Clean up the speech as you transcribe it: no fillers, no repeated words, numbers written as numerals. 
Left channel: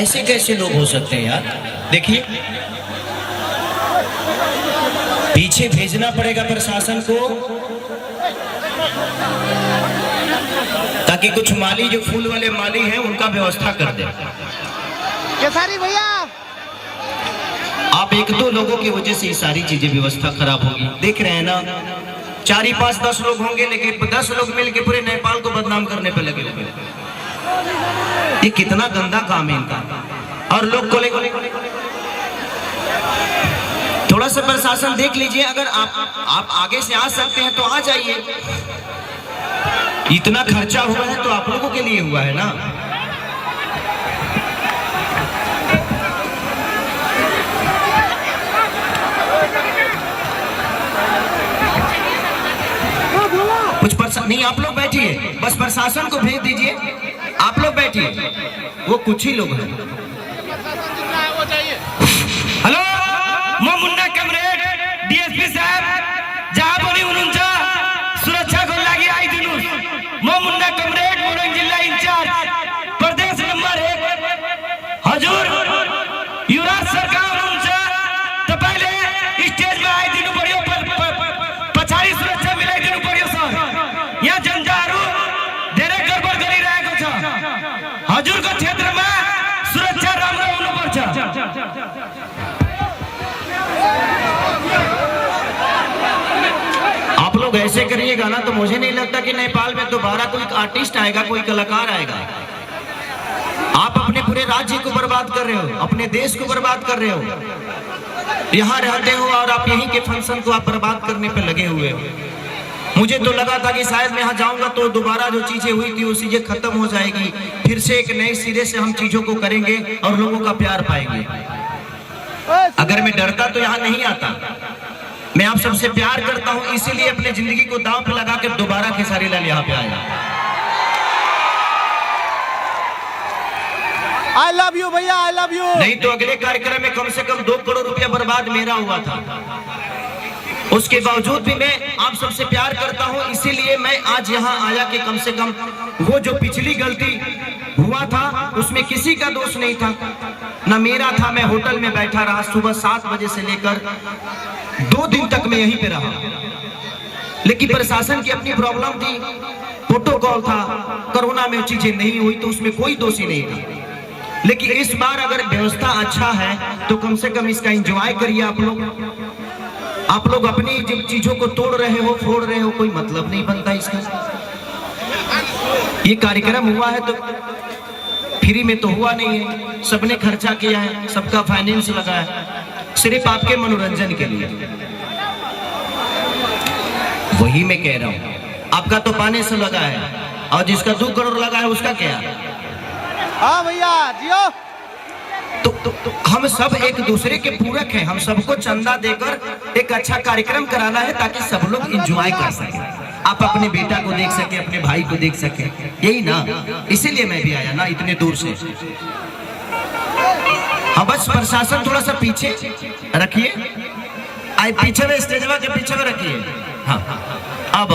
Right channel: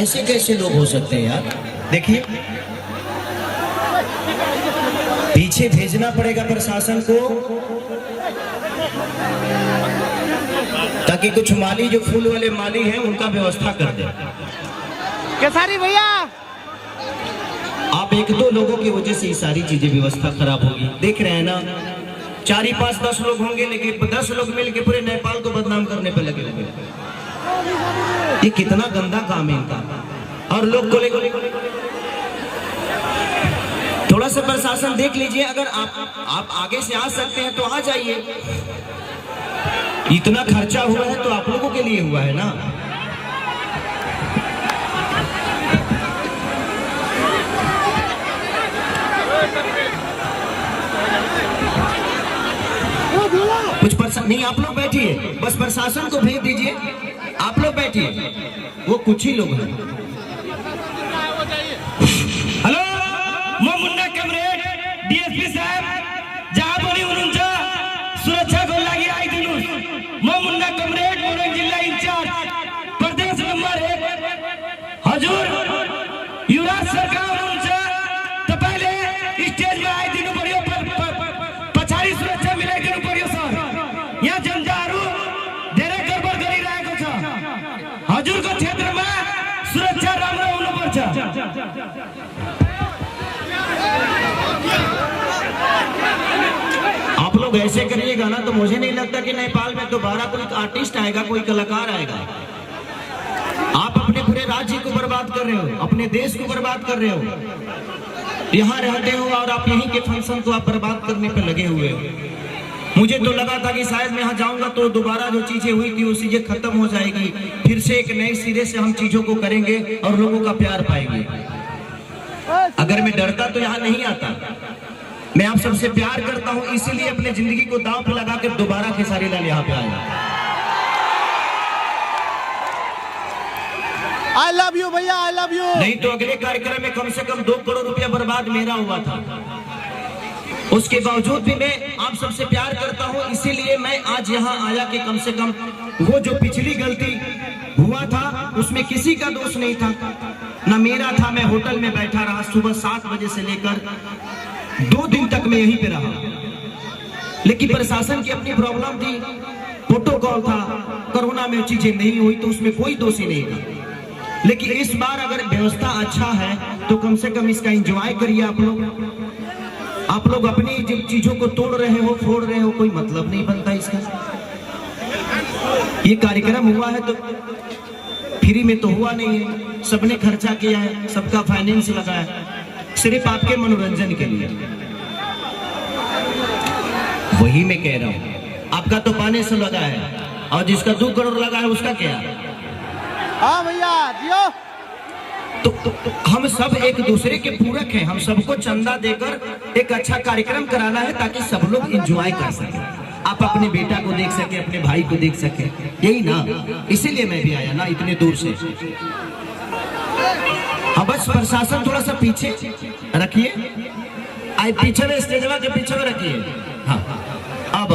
ऐसे कैसे लोग हो सकते हैं यार। देखिए पीछे भेजना पड़ेगा प्रशासन को, ताकि कुछ माली जो फूल वाले माली हैं उनका व्यवस्था कर दे। केसारी भैया आप एक दो लोगों की वजह से ये सारी चीजें व्यवस्था खराब होगी। देख रहे हैं ना, 4 5 10 लोग होंगे, लेकिन 10 लोग मिलकर पूरे नेपाल को बदनाम करने पे लगे हुए। ये कितना गंदा काम है इनका। और लोग को थोड़ा सा प्रशासन देख लीजिए, अगर आप आगे से आ सकते हैं तो आ जाइए। इतना खर्चा हुआ है तो आप लोगों के लिए हुआ है ना। कुछ नहीं, आप लोग बैठिए, बस प्रशासन को भेज दीजिए। आप लोग बैठिए, वो कुछ ही लोग हैं। हेलो, मैं मुन्ना कमरेड डीएसपी साहब जहाँ बोली उनका सुरक्षा को लगी आई दिनों। मैं मुन्ना कमरेड मोरंग जिला इंचार्ज प्रदेश नंबर 1 हजूर युवराज सरकार उनसे तो पहले स्टेज में आई दिनों बढ़िया पछाड़ी सुरक्षा मिले दिनों बढ़िया सर। यहाँ जंजारू डेरे गड़बड़ करी रहे कुछ हजूर का क्षेत्र में सुरक्षा राम राम पर आप लोग ऐसे करिएगा ना तो मुझे नहीं लगता कि नेपाल में दोबारा कोई आर्टिस्ट आएगा, कोई कलाकार आएगा। आप अपने पूरे राज्य को बर्बाद कर रहे हो, अपने देश को बर्बाद कर रहे हो। यहाँ रहते हो और आप यहीं के फंक्शन को आप बर्बाद करने पे लगे हुए हो। मुझे तो लगा था कि शायद मैं यहाँ जाऊंगा तो दोबारा जो चीजें हुई थी वो चीजें खत्म हो जाएगी, फिर से एक नए सिरे से हम चीजों को करेंगे और लोगों का प्यार पाएंगे। अगर मैं डरता तो यहाँ नहीं आता। मैं आप सबसे प्यार करता हूँ, इसीलिए अपने जिंदगी को दांव पे लगा कर दोबारा खेसारी लाल यहाँ पे आया। आई लव यू भैया, आई लव यू। नहीं तो अगले कार्यक्रम में कम से कम 2 करोड़ रुपया बर्बाद मेरा हुआ था। उसके बावजूद भी मैं आप सबसे प्यार करता हूँ, इसीलिए मैं आज यहाँ आया कि कम से कम वो जो पिछली गलती हुआ था उसमें किसी का दोष नहीं था, ना मेरा था। मैं होटल में बैठा रहा, सुबह 7 बजे से लेकर 2 दिन तक मैं यहीं पे रहा, लेकिन प्रशासन की अपनी प्रॉब्लम थी, प्रोटोकॉल था। कोरोना में चीजें नहीं हुई तो उसमें कोई दोषी नहीं था। लेकिन इस बार अगर व्यवस्था अच्छा है तो कम से कम इसका एंजॉय करिए आप लोग। आप लोग अपनी जिन चीजों को तोड़ रहे हो, फोड़ रहे हो, कोई मतलब नहीं बनता इसका। ये कार्यक्रम हुआ है तो फ्री में तो हुआ नहीं है, सबने खर्चा किया है, सबका फाइनेंस लगा है, सिर्फ आपके मनोरंजन के लिए। वही मैं कह रहा हूँ, आपका तो पाने से लगा है और जिसका 2 करोड़ लगा है उसका क्या। हाँ भैया जियो। तो हम सब एक दूसरे के पूरक हैं, हम सबको चंदा देकर एक अच्छा कार्यक्रम कराना है ताकि सब लोग एंजॉय कर सके, आप अपने बेटा को देख सके, अपने भाई को देख सके, यही ना। इसीलिए मैं भी आया ना इतने दूर से। हाँ बस प्रशासन थोड़ा सा पीछे रखिए, पीछे में स्टेजवा के पीछे में रखिए। हाँ अब